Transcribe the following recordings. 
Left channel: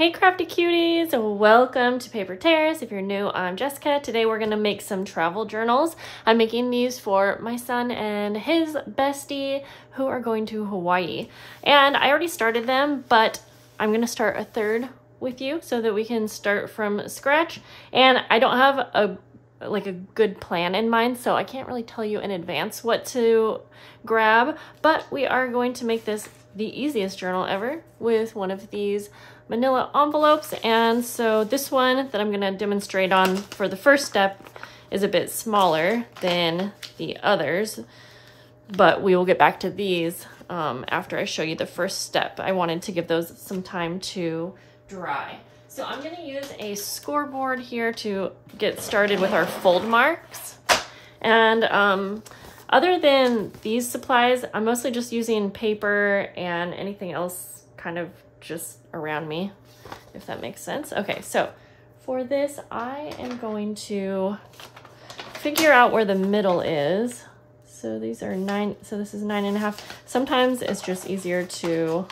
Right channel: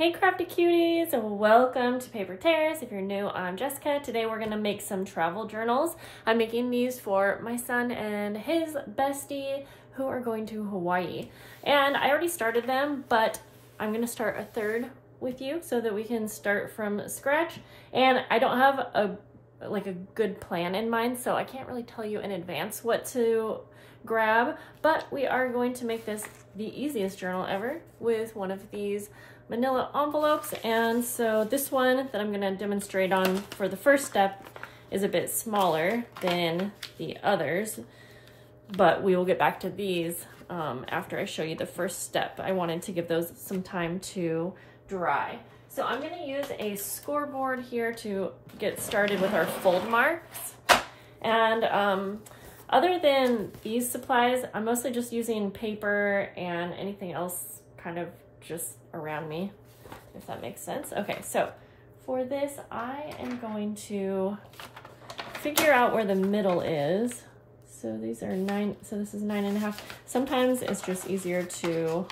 Hey crafty cuties, welcome to Paper Terrace. If you're new, I'm Jessica. Today we're gonna make some travel journals. I'm making these for my son and his bestie who are going to Hawaii. And I already started them, but I'm gonna start a third with you so that we can start from scratch. And I don't have a good plan in mind, so I can't really tell you in advance what to grab, but we are going to make this the easiest journal ever with one of these manila envelopes. And so this one that I'm going to demonstrate on for the first step is a bit smaller than the others, but we will get back to these after I show you the first step. I wanted to give those some time to dry. So I'm going to use a scoreboard here to get started with our fold marks. And other than these supplies, I'm mostly just using paper and anything else kind of just around me, if that makes sense. Okay, so for this, I am going to figure out where the middle is. So these are 9, so this is 9.5. Sometimes it's just easier to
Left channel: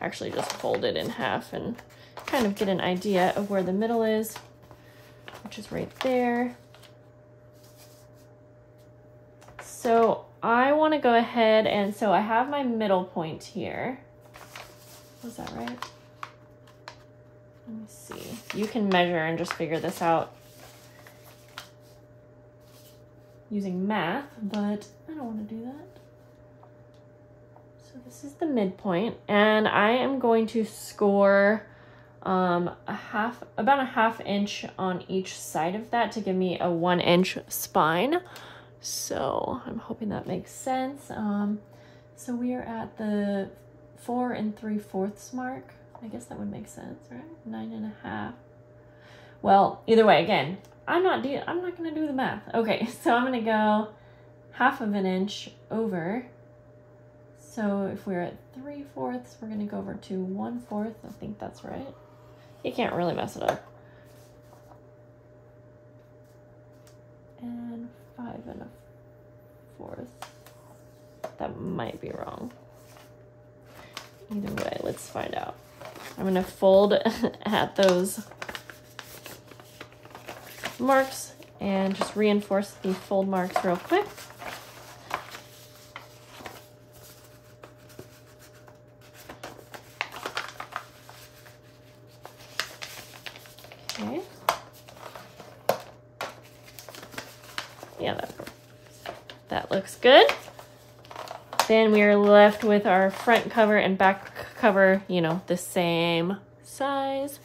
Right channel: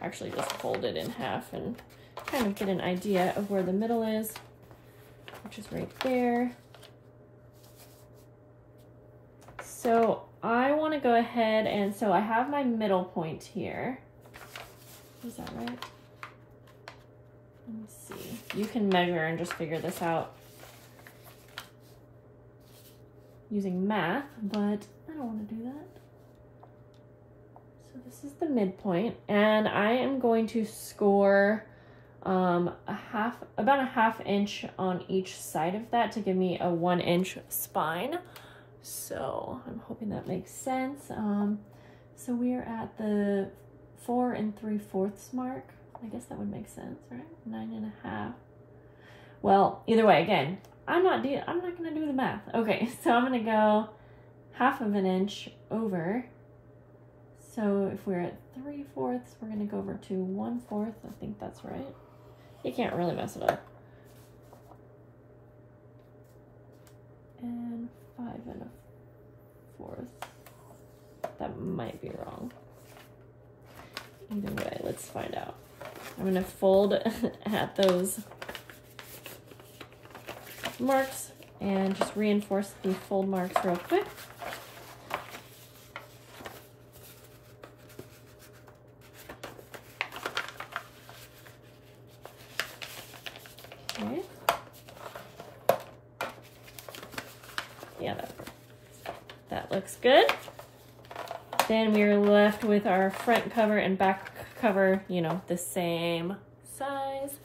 actually just fold it in half and kind of get an idea of where the middle is, which is right there. So I want to go ahead and, so I have my middle point here. Is that right? Let me see. You can measure and just figure this out using math, but I don't want to do that. So this is the midpoint, and I am going to score about a half inch on each side of that to give me a 1 inch spine. So I'm hoping that makes sense. So we are at the 4 3/4 mark. I guess that would make sense, right? 9.5. Well, either way, again, I'm not gonna do the math. Okay, so I'm gonna go half of an inch over. So if we're at 3/4, we're gonna go over to 1/4. I think that's right. You can't really mess it up. And 5 1/4. That might be wrong. Either way, let's find out. I'm gonna fold at those marks and just reinforce the fold marks real quick. Okay. Yeah, that looks good. Then we are left with our front cover and back cover, you know, the same size.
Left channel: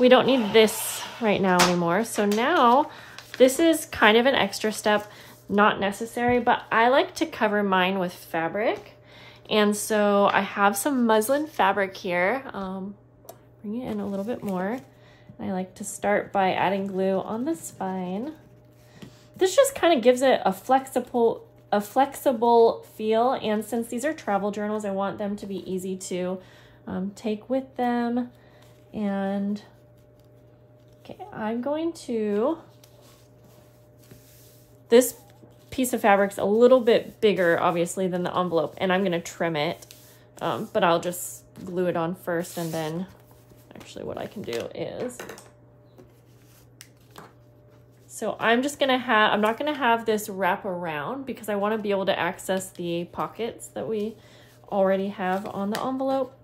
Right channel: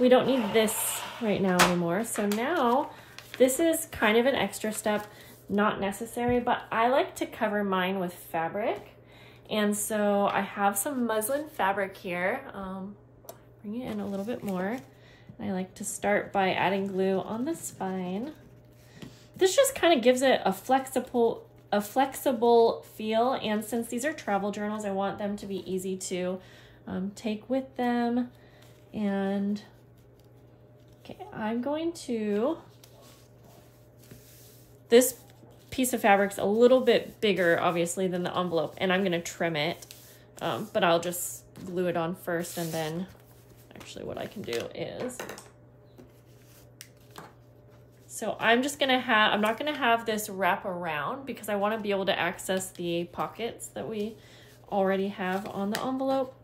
We don't need this right now anymore. So now this is kind of an extra step, not necessary, but I like to cover mine with fabric. And so I have some muslin fabric here. Bring it in a little bit more. I like to start by adding glue on the spine. This just kind of gives it a flexible feel, and since these are travel journals, I want them to be easy to take with them. And okay, I'm going to, this piece of fabric's a little bit bigger obviously than the envelope, and I'm going to trim it, but I'll just glue it on first, and then actually what I can do is, so I'm just gonna have, I'm not gonna have this wrap around because I want to be able to access the pockets that we already have on the envelope.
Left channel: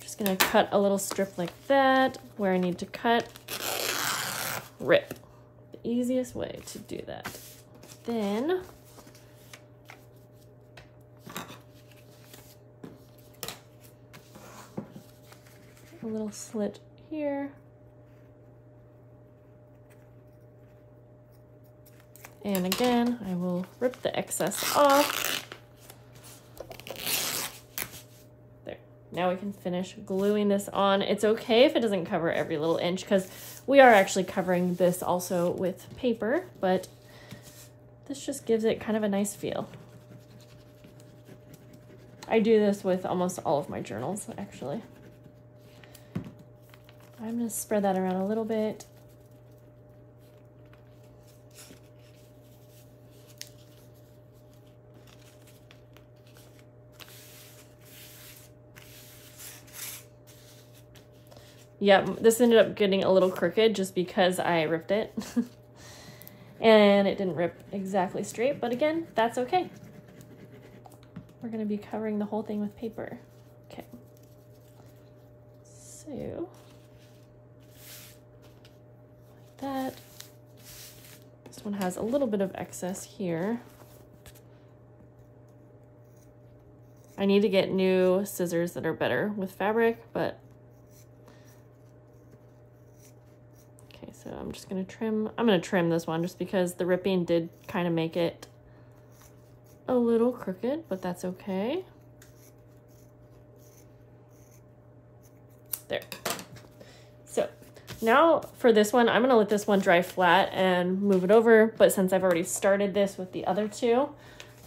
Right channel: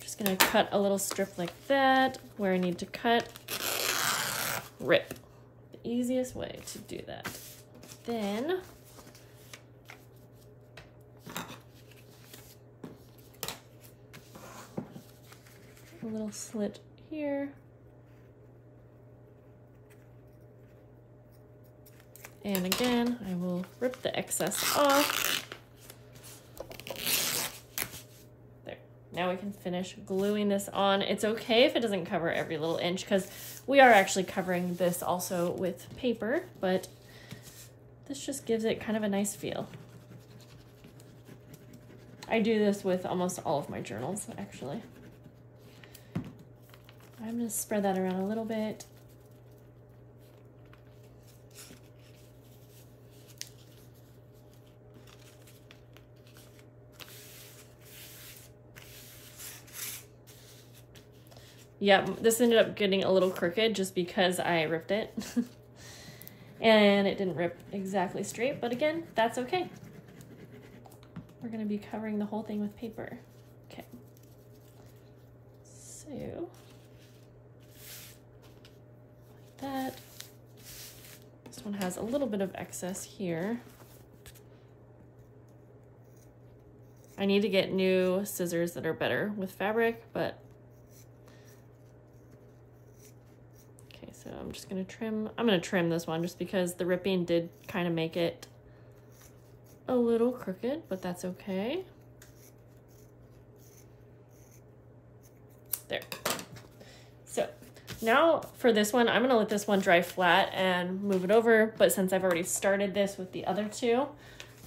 Just gonna cut a little strip like that where I need to cut. Rip. The easiest way to do that. Then a little slit here. And again, I will rip the excess off. There. Now we can finish gluing this on. It's okay if it doesn't cover every little inch because we are actually covering this also with paper, but this just gives it kind of a nice feel. I do this with almost all of my journals, actually. I'm going to spread that around a little bit. Yeah, this ended up getting a little crooked just because I ripped it. And it didn't rip exactly straight, but again, that's okay. We're gonna be covering the whole thing with paper. Okay. So, like that. This one has a little bit of excess here. I need to get new scissors that are better with fabric, but okay, so I'm just gonna trim. I'm gonna trim this one just because the ripping did kind of make it a little crooked, but that's okay. There. So now for this one, I'm gonna let this one dry flat and move it over, but since I've already started this with the other two,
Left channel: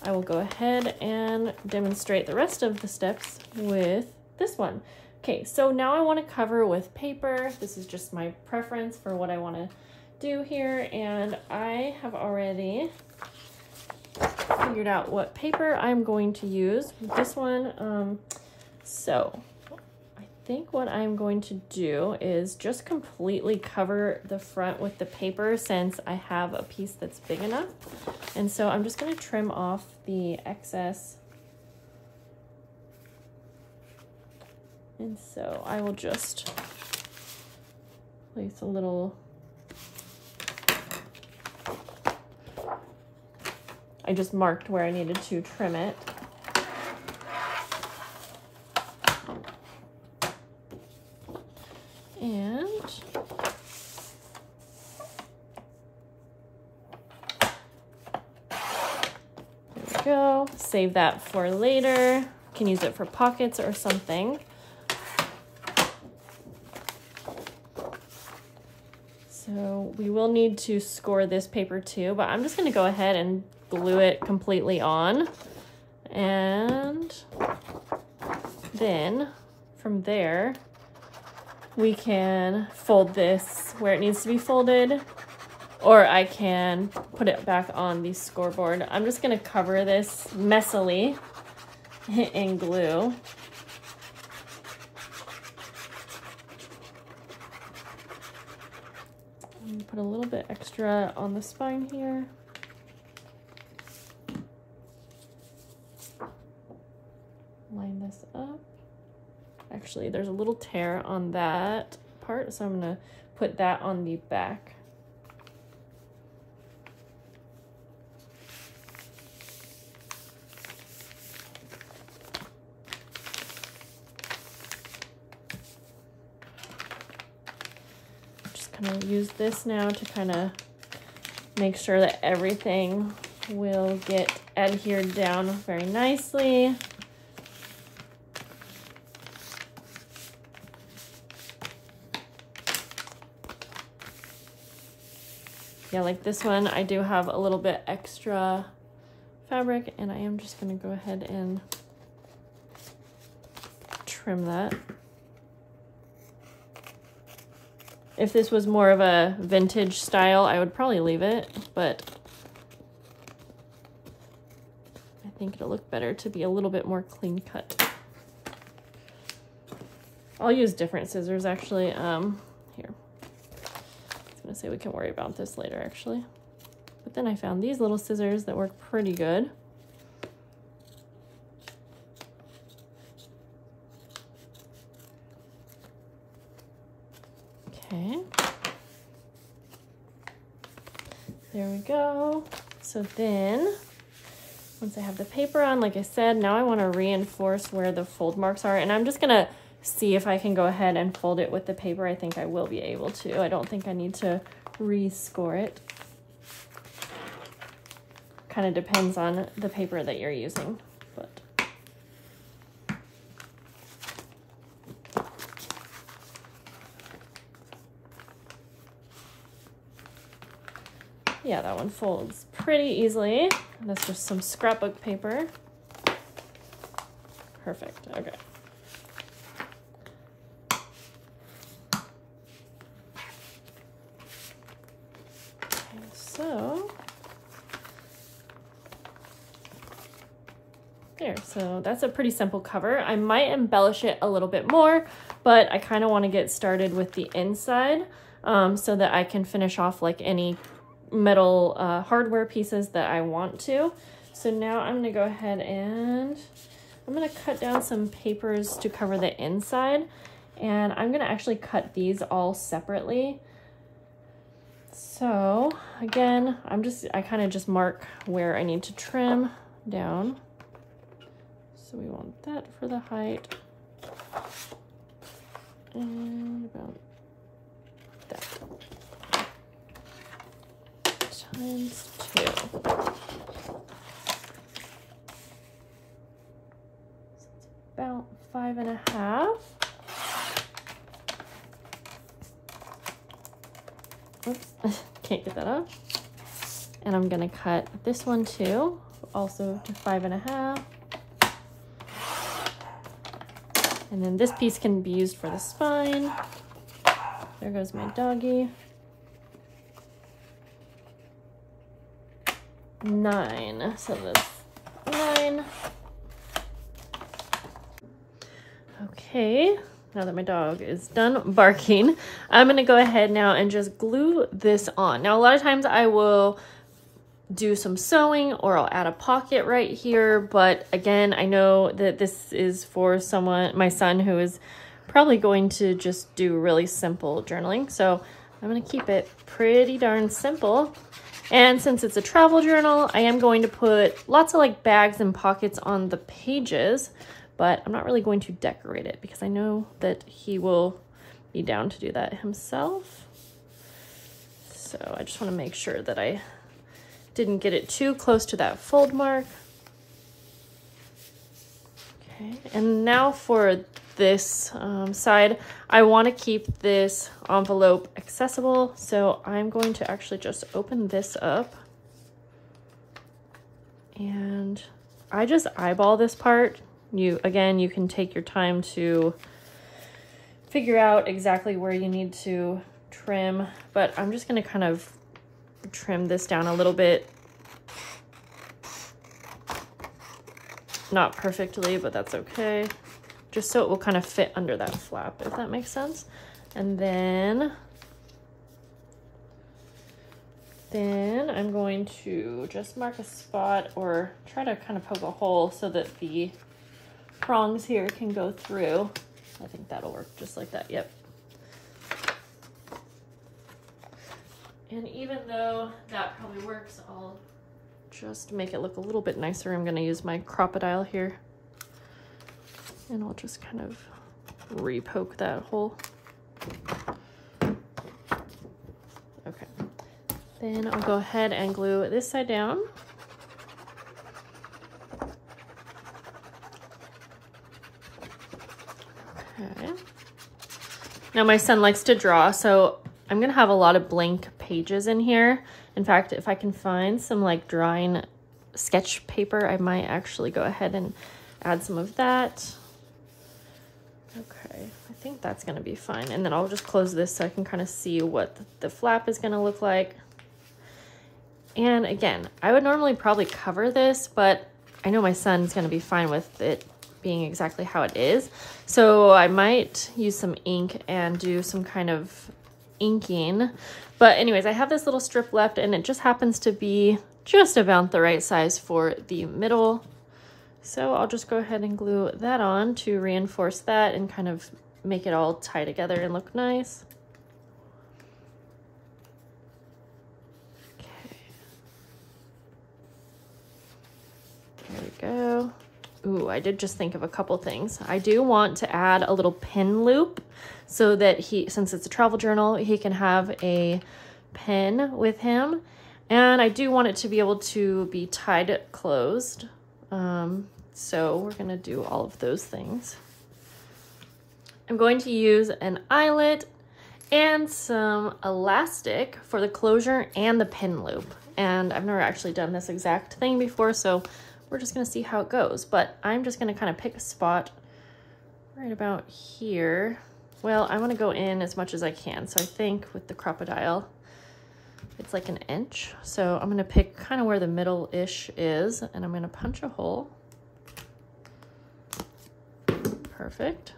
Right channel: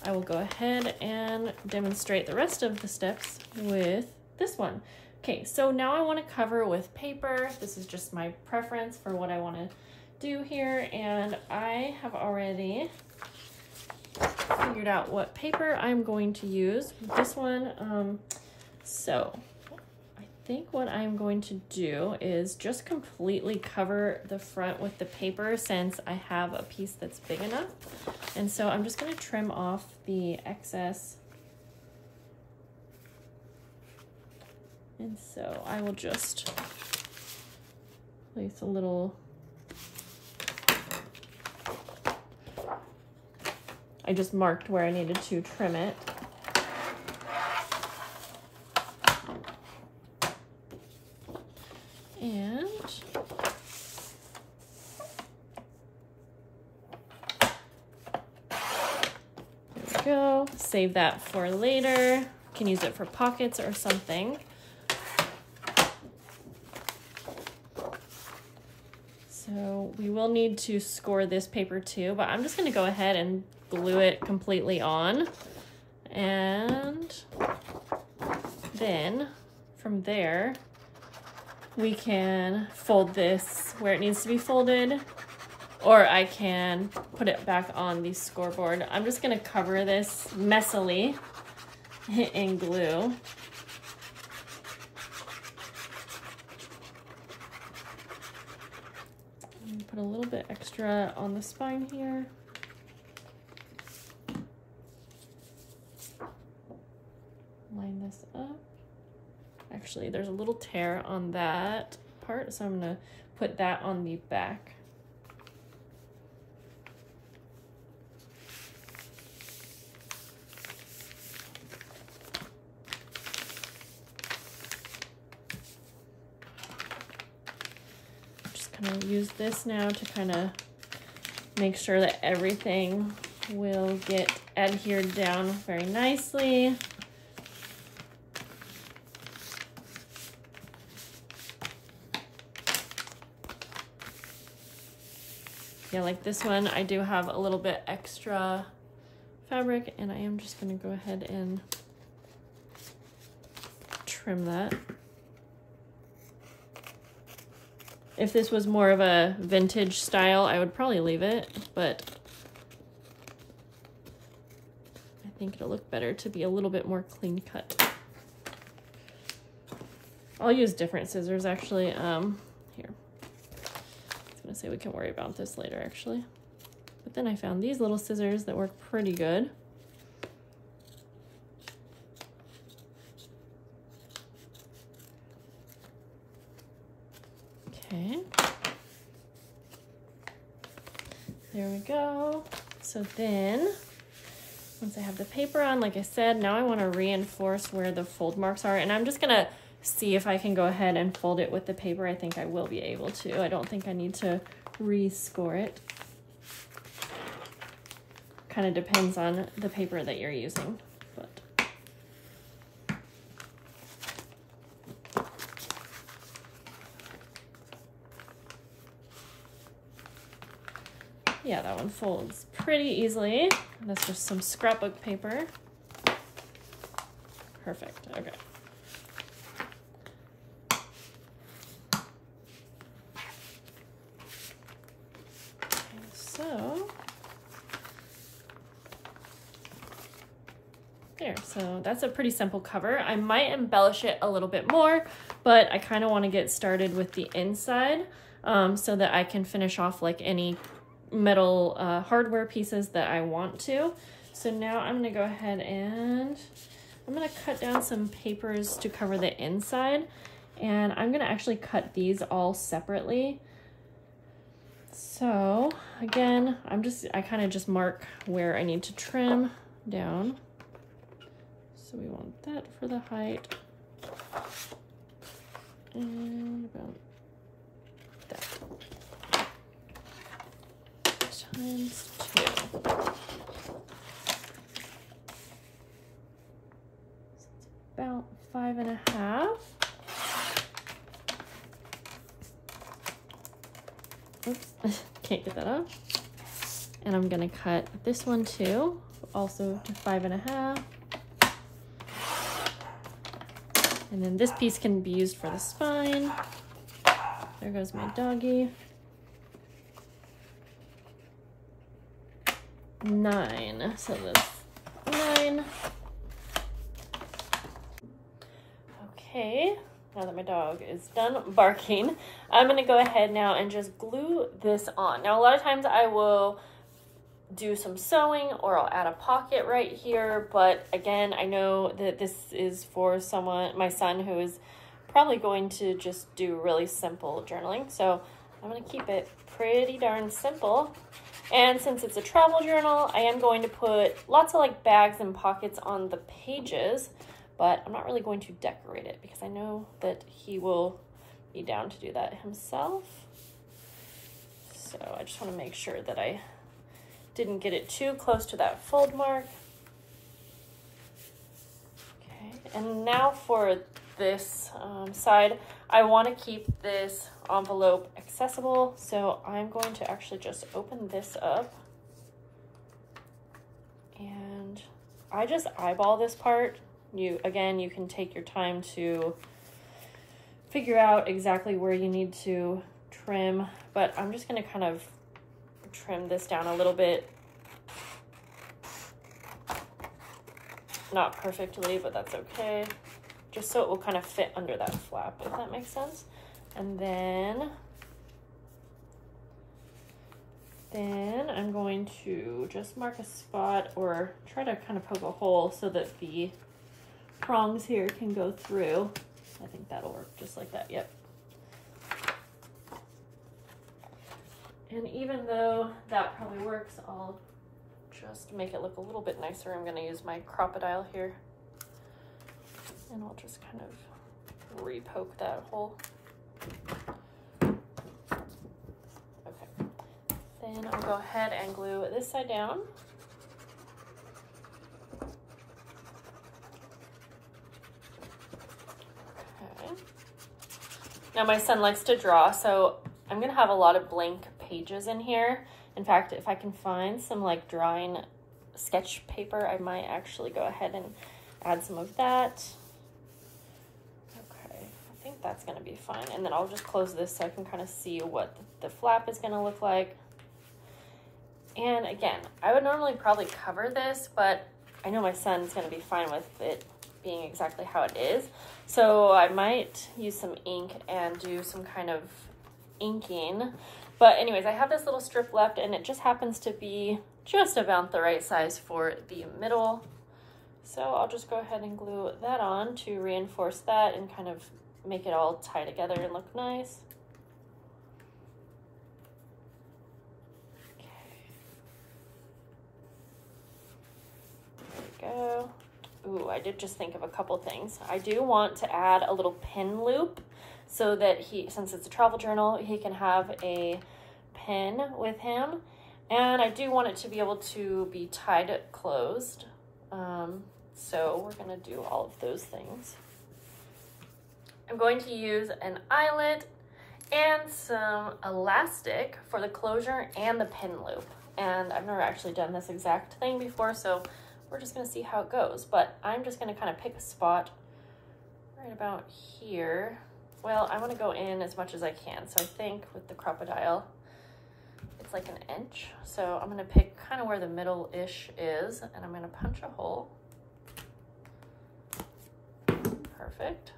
I will go ahead and demonstrate the rest of the steps with this one. Okay, so now I want to cover with paper. This is just my preference for what I want to do here, and I have already figured out what paper I'm going to use with this one. So I think what I'm going to do is just completely cover the front with the paper since I have a piece that's big enough. And so I'm just going to trim off the excess. And so I will just place a little, I just marked where I needed to trim it. And there we go. Save that for later. You can use it for pockets or something. So we will need to score this paper too, but I'm just going to go ahead and glue it completely on. And then from there, we can fold this where it needs to be folded, or I can put it back on the scoreboard. I'm just going to cover this messily in glue. Put a little bit extra on the spine here. Line this up. Actually, there's a little tear on that part, so I'm gonna put that on the back. Just kind of use this now to kind of make sure that everything will get adhered down very nicely. Yeah, like this one, I do have a little bit extra fabric, and I am just gonna go ahead and trim that. If this was more of a vintage style, I would probably leave it, but I think it'll look better to be a little bit more clean cut. I'll use different scissors actually. Here. I was gonna say we can worry about this later actually. But then I found these little scissors that work pretty good. Okay. There we go. So then, once I have the paper on, like I said, now I want to reinforce where the fold marks are, and I'm just gonna see if I can go ahead and fold it with the paper. I think I will be able to. I don't think I need to rescore it. Kind of depends on the paper that you're using, but yeah, that one folds pretty easily. That's just some scrapbook paper. Perfect. Okay. So there, So that's a pretty simple cover. I might embellish it a little bit more, but I kind of want to get started with the inside so that I can finish off like any metal hardware pieces that I want to. So now I'm going to go ahead and I'm going to cut down some papers to cover the inside, and I'm going to actually cut these all separately. So again, I kind of just mark where I need to trim down. So we want that for the height, and about that, times 2. So it's about 5.5. Oops, can't get that off. And I'm gonna cut this one too, also 5.5. And then this piece can be used for the spine. There goes my doggy. 9, so that's 9. Okay, now that my dog is done barking, I'm gonna go ahead now and just glue this on. Now, a lot of times I will do some sewing or I'll add a pocket right here, but again, I know that this is for my son, who is probably going to just do really simple journaling. So I'm gonna keep it pretty darn simple. And since it's a travel journal, I am going to put lots of like bags and pockets on the pages, but I'm not really going to decorate it because I know that he will be down to do that himself. So I just want to make sure that I didn't get it too close to that fold mark. Okay, and now for this side, I want to keep this envelope accessible, so I'm going to actually just open this up, and I just eyeball this part. Again, you can take your time to figure out exactly where you need to trim, but I'm just going to kind of trim this down a little bit. Not perfectly, but that's okay. Just so it will kind of fit under that flap, if that makes sense. And then I'm going to just mark a spot or try to kind of poke a hole so that the prongs here can go through. I think that'll work just like that, yep. And even though that probably works, I'll just make it look a little bit nicer. I'm gonna use my Crop-A-Dile here, and I'll just kind of re-poke that hole. Okay, then I'll go ahead and glue this side down. Okay. Now my son likes to draw, so I'm gonna have a lot of blank pages in here. In fact, if I can find some like drawing sketch paper, I might actually go ahead and add some of that. Okay, I think that's gonna be fine. And then I'll just close this so I can kind of see what the flap is gonna look like. And again, I would normally probably cover this, but I know my son's gonna be fine with it being exactly how it is. So I might use some ink and do some kind of inking. But anyways, I have this little strip left, and it just happens to be just about the right size for the middle. So I'll just go ahead and glue that on to reinforce that and kind of make it all tie together and look nice. Okay. There we go. Ooh, I did just think of a couple things. I do want to add a little pin loop so that since it's a travel journal, he can have a pin with him. And I do want it to be able to be tied closed. So we're gonna do all of those things. I'm going to use an eyelet and some elastic for the closure and the pin loop. And I've never actually done this exact thing before, so we're just gonna see how it goes. But I'm just gonna kind of pick a spot right about here. Well, I'm gonna go in as much as I can. So I think with the Crop-A-Dile, it's like 1 inch. So I'm gonna pick kind of where the middle-ish is, and I'm gonna punch a hole. Perfect.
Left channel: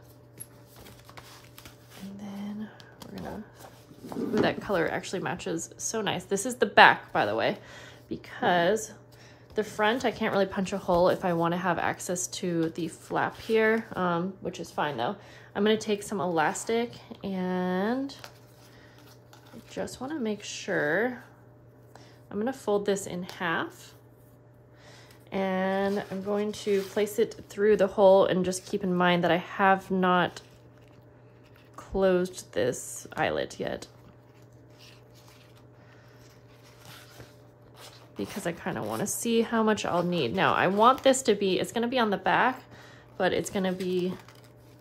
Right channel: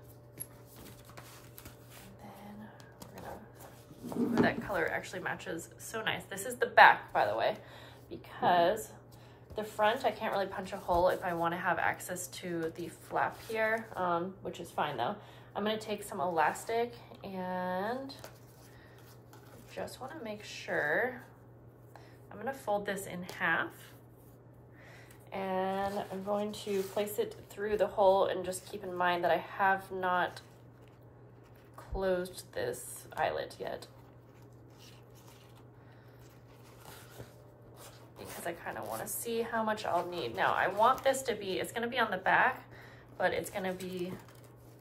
And then we're gonna, ooh, that color actually matches so nice. This is the back, by the way, because the front, I can't really punch a hole if I want to have access to the flap here, which is fine though. I'm gonna take some elastic and just want to make sure. I'm gonna fold this in half and I'm going to place it through the hole, and just keep in mind that I have not closed this eyelet yet, because I kind of want to see how much I'll need. Now I want this to be, it's going to be on the back, but it's going to be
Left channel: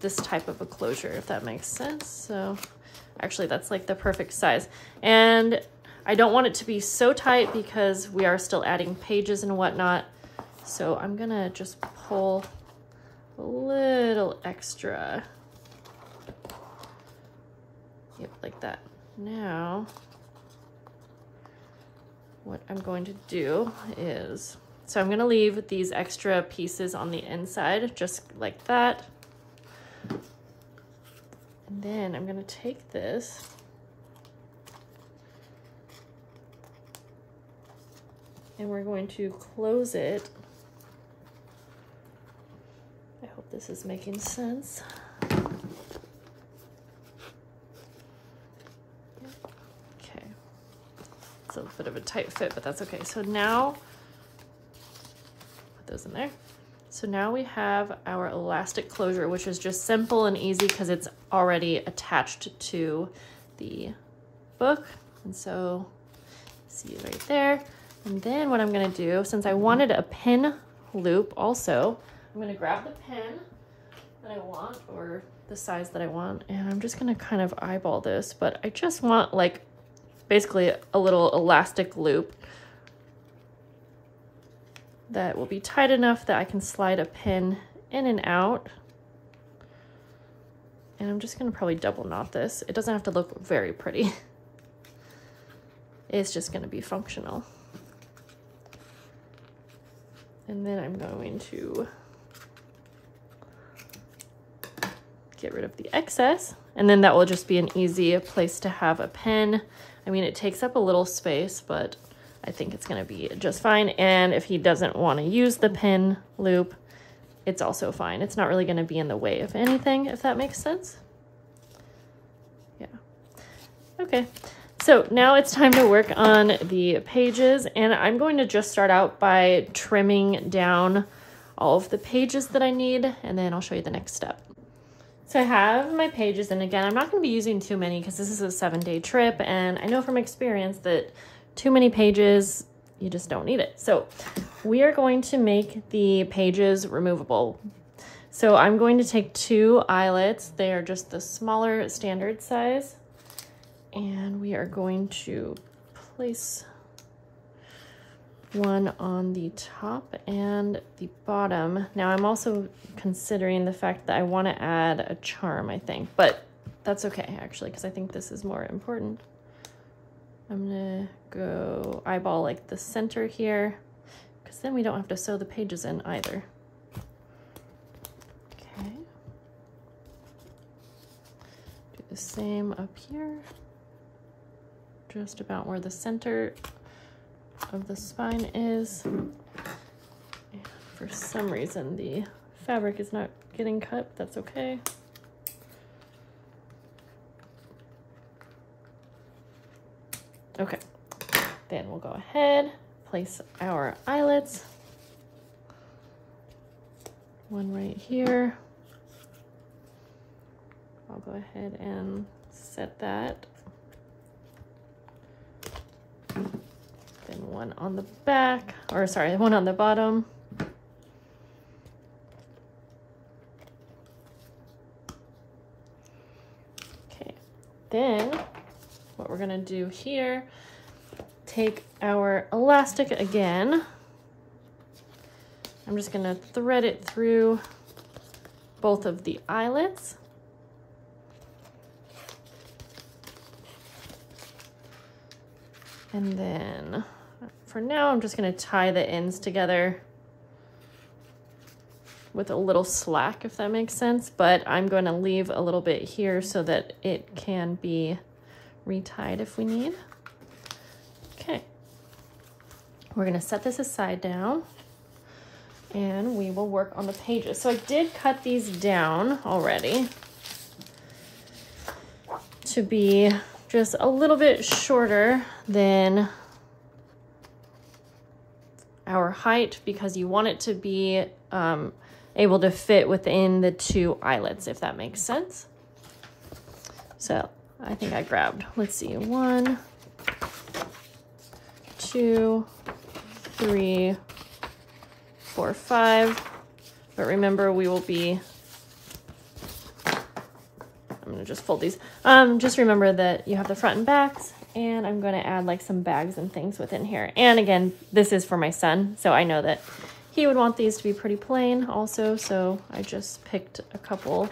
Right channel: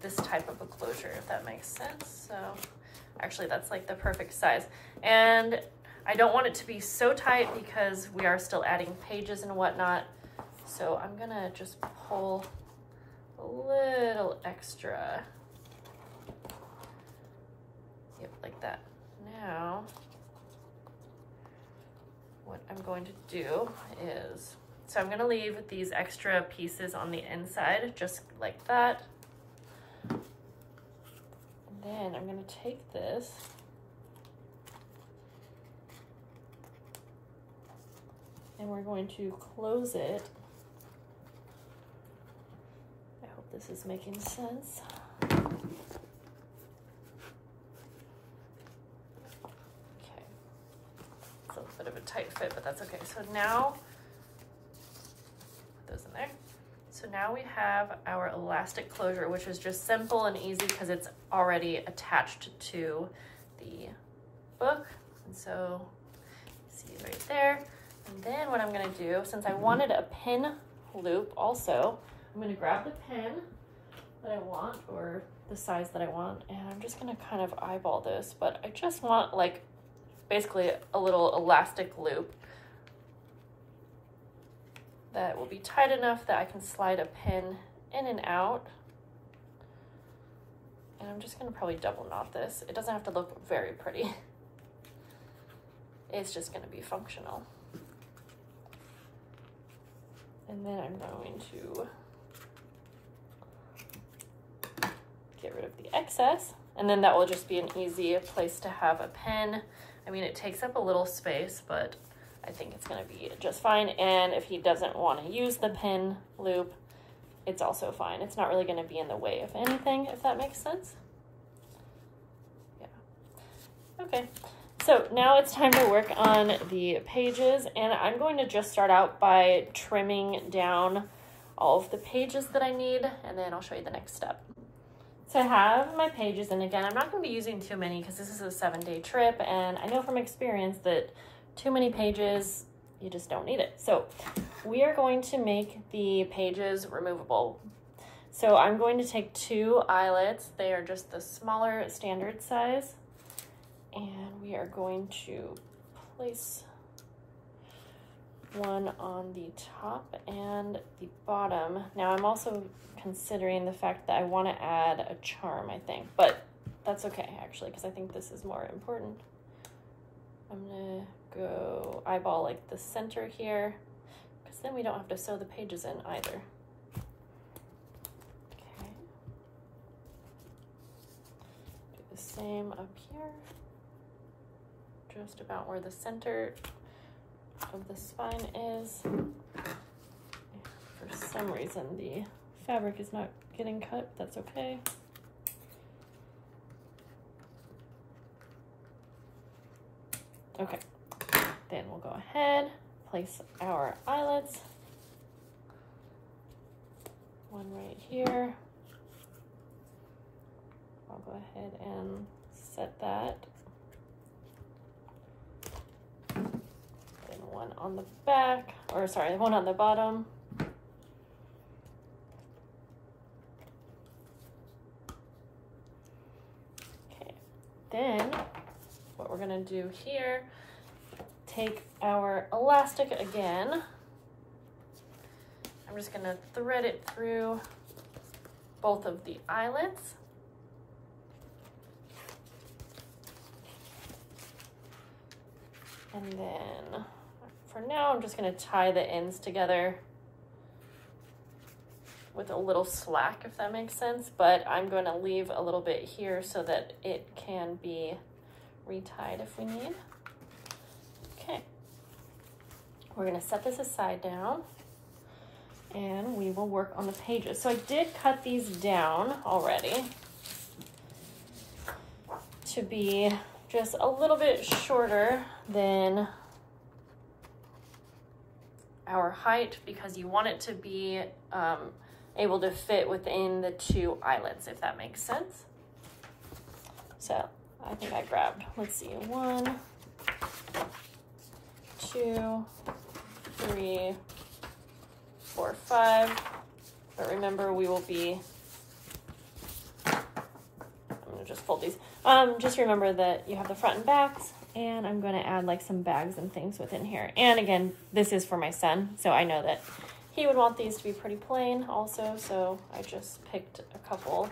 this type of a closure, if that makes sense. So actually that's like the perfect size. And I don't want it to be so tight because we are still adding pages and whatnot. So I'm gonna just pull a little extra. Yep, like that. Now, what I'm going to do is, so I'm gonna leave these extra pieces on the inside, just like that. And then I'm gonna take this and we're going to close it. I hope this is making sense. Okay. It's a bit of a tight fit, but that's okay. So now, put those in there. So now we have our elastic closure, which is just simple and easy because it's already attached to the book. And so, see right there. And then what I'm gonna do, since I wanted a pin loop also, I'm gonna grab the pin that I want, or the size that I want, and I'm just gonna kind of eyeball this, but I just want like basically a little elastic loop that will be tight enough that I can slide a pin in and out. And I'm just gonna probably double knot this. It doesn't have to look very pretty. It's just gonna be functional. And then I'm going to get rid of the excess, and then that will just be an easy place to have a pin. I mean, it takes up a little space, but I think it's gonna be just fine. And if he doesn't wanna use the pin loop, it's also fine. It's not really gonna be in the way of anything, if that makes sense. Yeah, okay. So now it's time to work on the pages, and I'm going to just start out by trimming down all of the pages that I need, and then I'll show you the next step. So I have my pages, and again, I'm not going to be using too many because this is a 7-day trip, and I know from experience that too many pages, you just don't need it. So we are going to make the pages removable. So I'm going to take 2 eyelets. They are just the smaller standard size. And we are going to place one on the top and the bottom. Now I'm also considering the fact that I want to add a charm, I think, but that's okay actually, because I think this is more important. I'm gonna go eyeball like the center here, because then we don't have to sew the pages in either. Okay. Do the same up here. Just about where the center of the spine is. For some reason, the fabric is not getting cut. That's okay. Okay, then we'll go ahead, place our eyelets. One right here. I'll go ahead and set that. One on the back, or sorry, one on the bottom. Okay, then what we're gonna do here, take our elastic again. I'm just gonna thread it through both of the eyelets. And then for now, I'm just gonna tie the ends together with a little slack, if that makes sense, but I'm going to leave a little bit here so that it can be retied if we need. Okay, we're going to set this aside now and we will work on the pages. So I did cut these down already to be just a little bit shorter than our height because you want it to be able to fit within the 2 eyelets, if that makes sense. So I think I grabbed, let's see, 1, 2, 3, 4, 5. But remember, we will be, I'm gonna just fold these. Just remember that you have the front and backs, and I'm gonna add like some bags and things within here. And again, this is for my son, so I know that he would want these to be pretty plain also, so I just picked a couple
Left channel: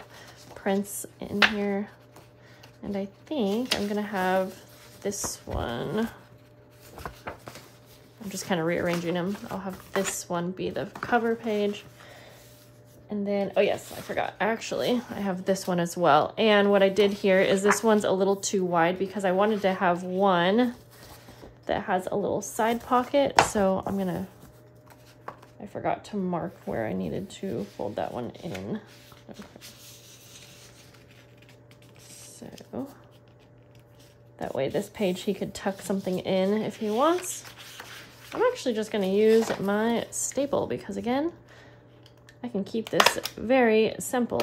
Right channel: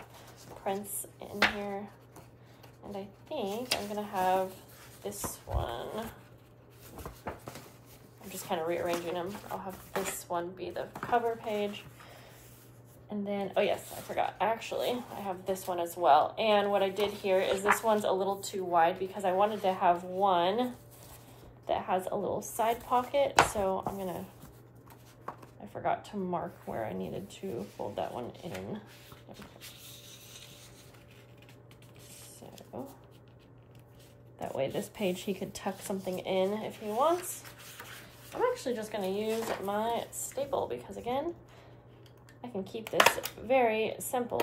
prints in here. And I think I'm gonna have this one. I'm just kind of rearranging them. I'll have this one be the cover page. And then, oh yes, I forgot. Actually, I have this one as well. And what I did here is this one's a little too wide because I wanted to have one that has a little side pocket. So I'm gonna, I forgot to mark where I needed to fold that one in. Okay. So that way this page he could tuck something in if he wants. I'm actually just gonna use my staple because again, I can keep this very simple.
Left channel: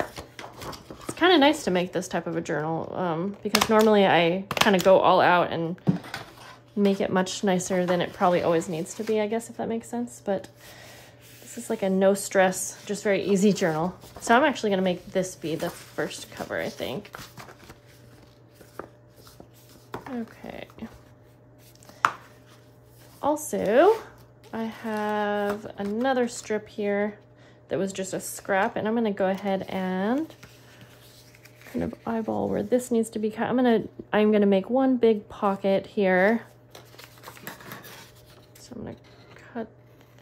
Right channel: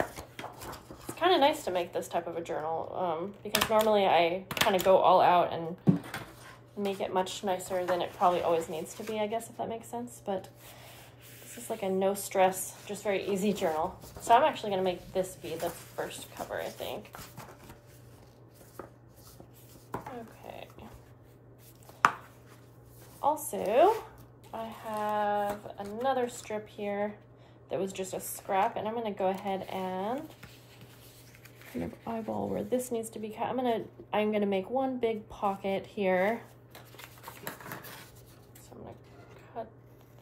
It's kind of nice to make this type of a journal because normally I kind of go all out and make it much nicer than it probably always needs to be, I guess, if that makes sense. But this is like a no stress, just very easy journal. So I'm actually gonna make this be the first cover, I think. Okay. Also, I have another strip here that was just a scrap, and I'm gonna go ahead and kind of eyeball where this needs to be cut. I'm gonna make one big pocket here. So I'm gonna cut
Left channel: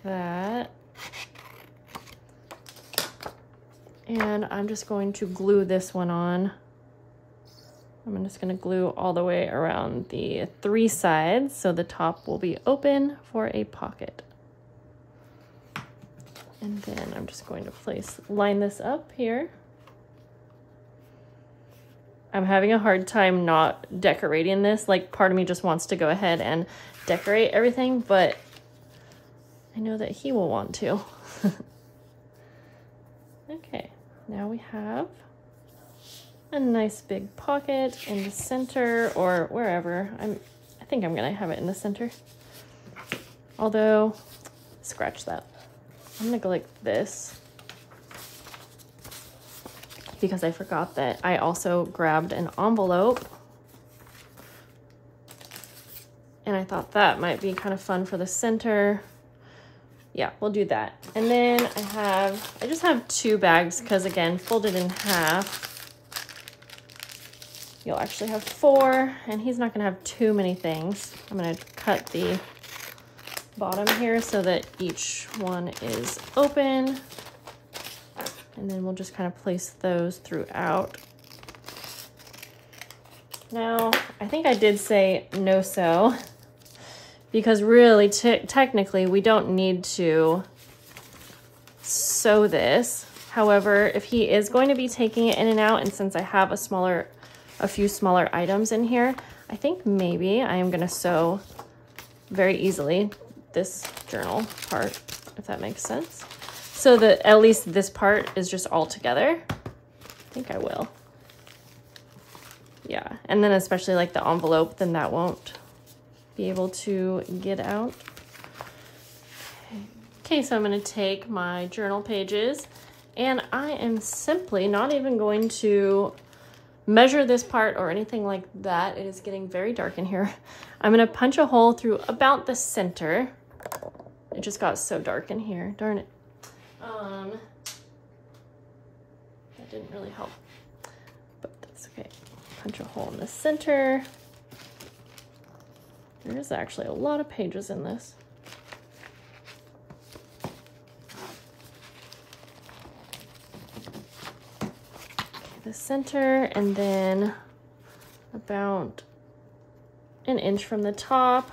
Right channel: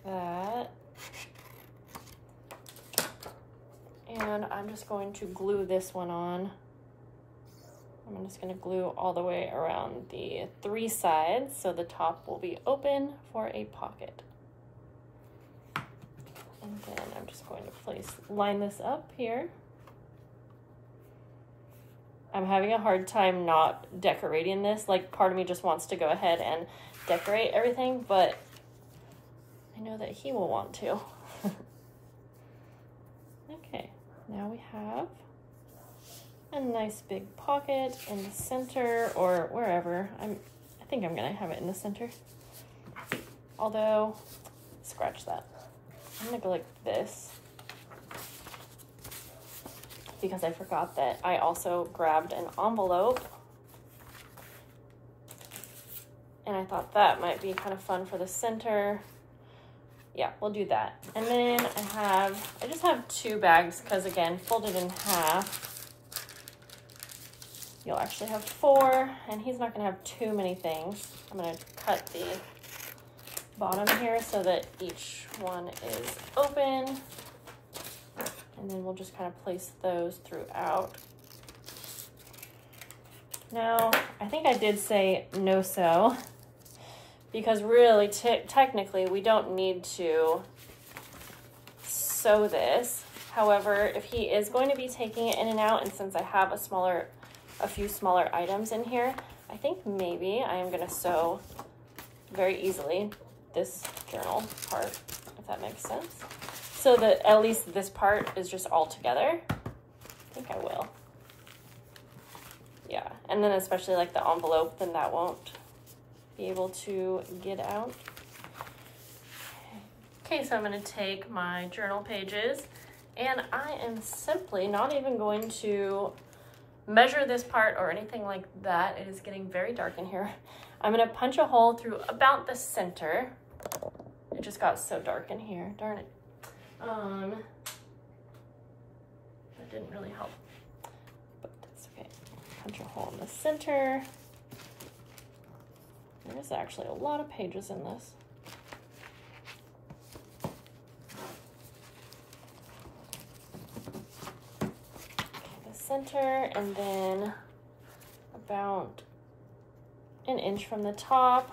that. And I'm just going to glue this one on. I'm just gonna glue all the way around the 3 sides so the top will be open for a pocket. And then I'm just going to line this up here. I'm having a hard time not decorating this. Like, part of me just wants to go ahead and decorate everything, but I know that he will want to. Okay, now we have a nice big pocket in the center or wherever. I think I'm gonna have it in the center. Although, scratch that. I'm gonna go like this because I forgot that I also grabbed an envelope and I thought that might be kind of fun for the center. Yeah, we'll do that. And then I just have 2 bags because again, folded in half. You'll actually have 4, and he's not gonna have too many things. I'm gonna cut the bottom here so that each one is open. And then we'll just kind of place those throughout. Now, I think I did say no sew because really technically we don't need to sew this. However, if he is going to be taking it in and out, and since I have a few smaller items in here, I think maybe I am gonna sew very easily this journal part, if that makes sense. So that at least this part is just all together. I think I will. Yeah, and then especially like the envelope, then that won't be able to get out. Okay, so I'm gonna take my journal pages and I am simply not even going to measure this part or anything like that. It is getting very dark in here. I'm gonna punch a hole through about the center. It just got so dark in here, darn it. That didn't really help, but that's okay. Punch a hole in the center. There's actually a lot of pages in this. the center, and then about an inch from the top.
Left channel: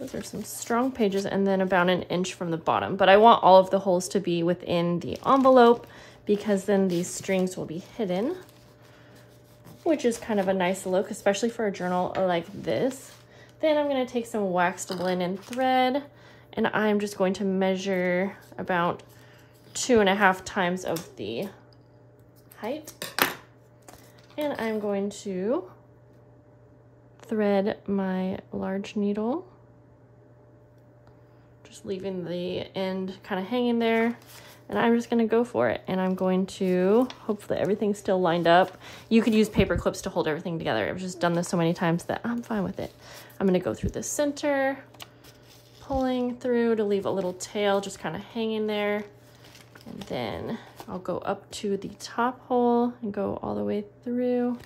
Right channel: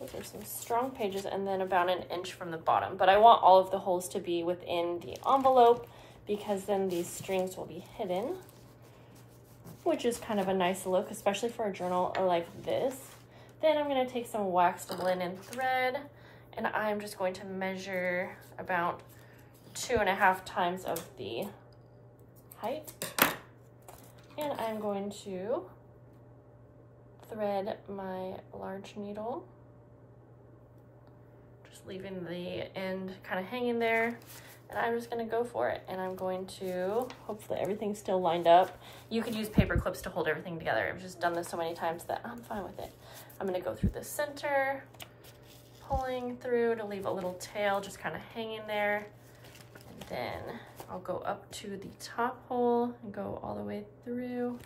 Those are some strong pages, and then about an inch from the bottom. But I want all of the holes to be within the envelope because then these strings will be hidden, which is kind of a nice look, especially for a journal like this. Then I'm gonna take some waxed linen thread, and I'm just going to measure about 2.5 times of the height. And I'm going to thread my large needle, just leaving the end kind of hanging there. And I'm just gonna go for it. And I'm going to, hopefully everything's still lined up. You could use paper clips to hold everything together. I've just done this so many times that I'm fine with it. I'm gonna go through the center, pulling through to leave a little tail just kind of hanging there. And then I'll go up to the top hole and go all the way through.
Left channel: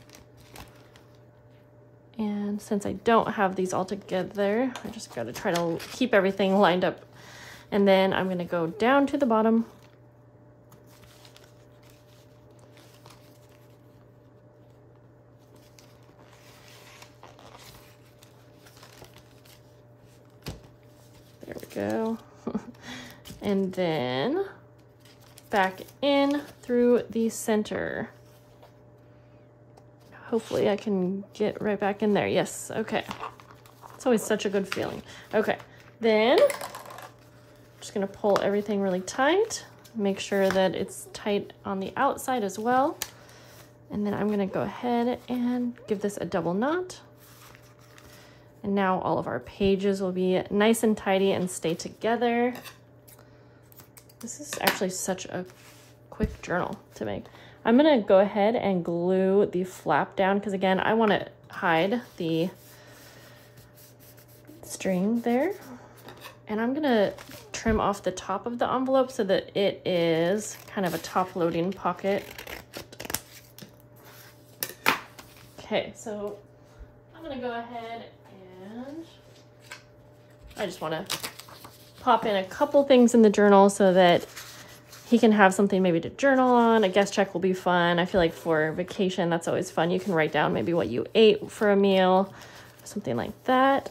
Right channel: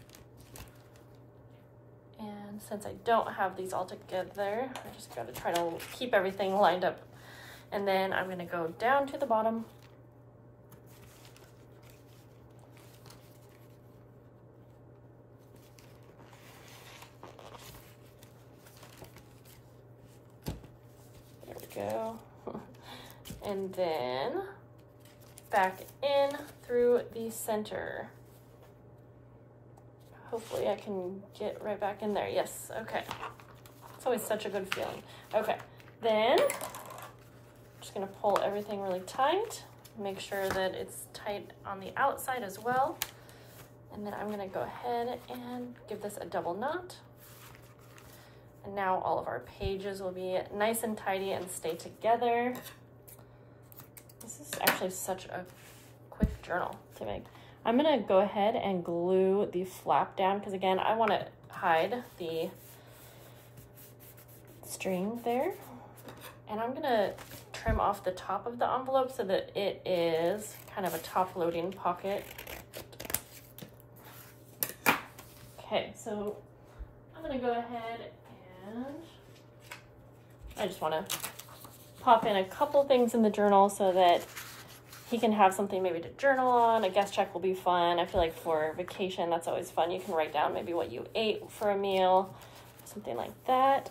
And since I don't have these all together, I just gotta try to keep everything lined up. And then I'm gonna go down to the bottom. There we go. And then back in through the center. Hopefully I can get right back in there. Yes, okay. It's always such a good feeling. Okay, then I'm just gonna pull everything really tight. Make sure that it's tight on the outside as well. And then I'm gonna go ahead and give this a double knot. And now all of our pages will be nice and tidy and stay together. This is actually such a quick journal to make. I'm gonna go ahead and glue the flap down because again, I wanna hide the string there. And I'm gonna trim off the top of the envelope so that it is kind of a top loading pocket. Okay, so I'm gonna go ahead and I just wanna pop in a couple things in the journal so that he can have something maybe to journal on. A guest check will be fun. I feel like for vacation, that's always fun. You can write down maybe what you ate for a meal, something like that.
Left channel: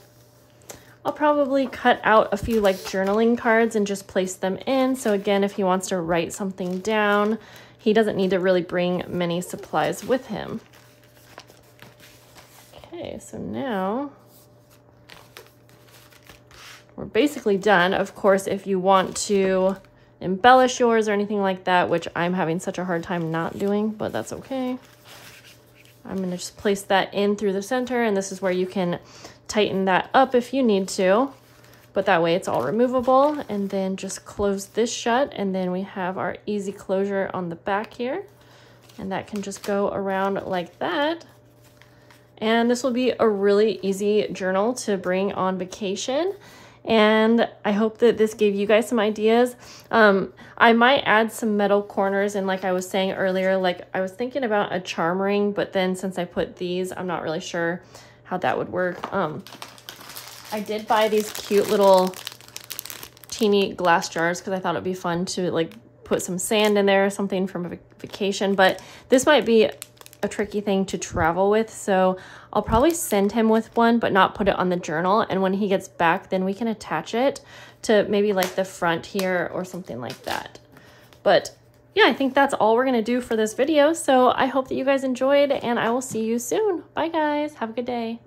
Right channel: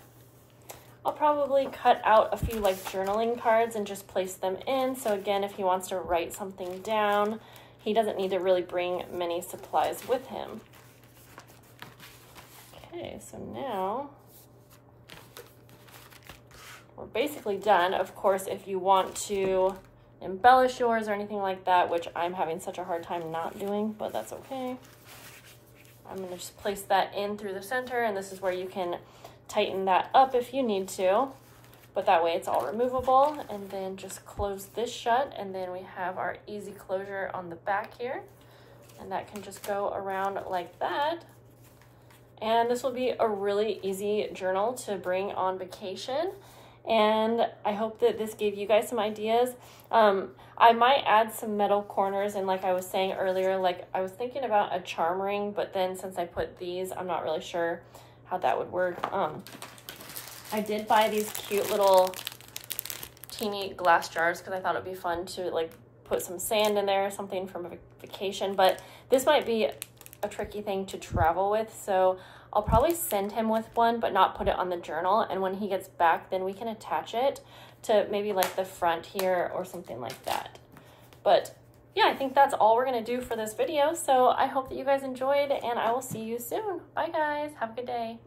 I'll probably cut out a few like journaling cards and just place them in. So again, if he wants to write something down, he doesn't need to really bring many supplies with him. Okay, so now we're basically done. Of course, if you want to embellish yours or anything like that, which I'm having such a hard time not doing, but that's okay. I'm gonna just place that in through the center, and this is where you can tighten that up if you need to, but that way it's all removable. And then just close this shut, and then we have our easy closure on the back here, and that can just go around like that. And this will be a really easy journal to bring on vacation. And I hope that this gave you guys some ideas. I might add some metal corners, and like I was saying earlier, like I was thinking about a charm ring, but then since I put these, I'm not really sure how that would work. I did buy these cute little teeny glass jars because I thought it'd be fun to like put some sand in there or something from a vacation, but this might be a tricky thing to travel with, so I'll probably send him with one but not put it on the journal, and when he gets back then we can attach it to maybe like the front here or something like that. But yeah, I think that's all we're gonna do for this video, so I hope that you guys enjoyed, and I will see you soon. Bye guys, have a good day.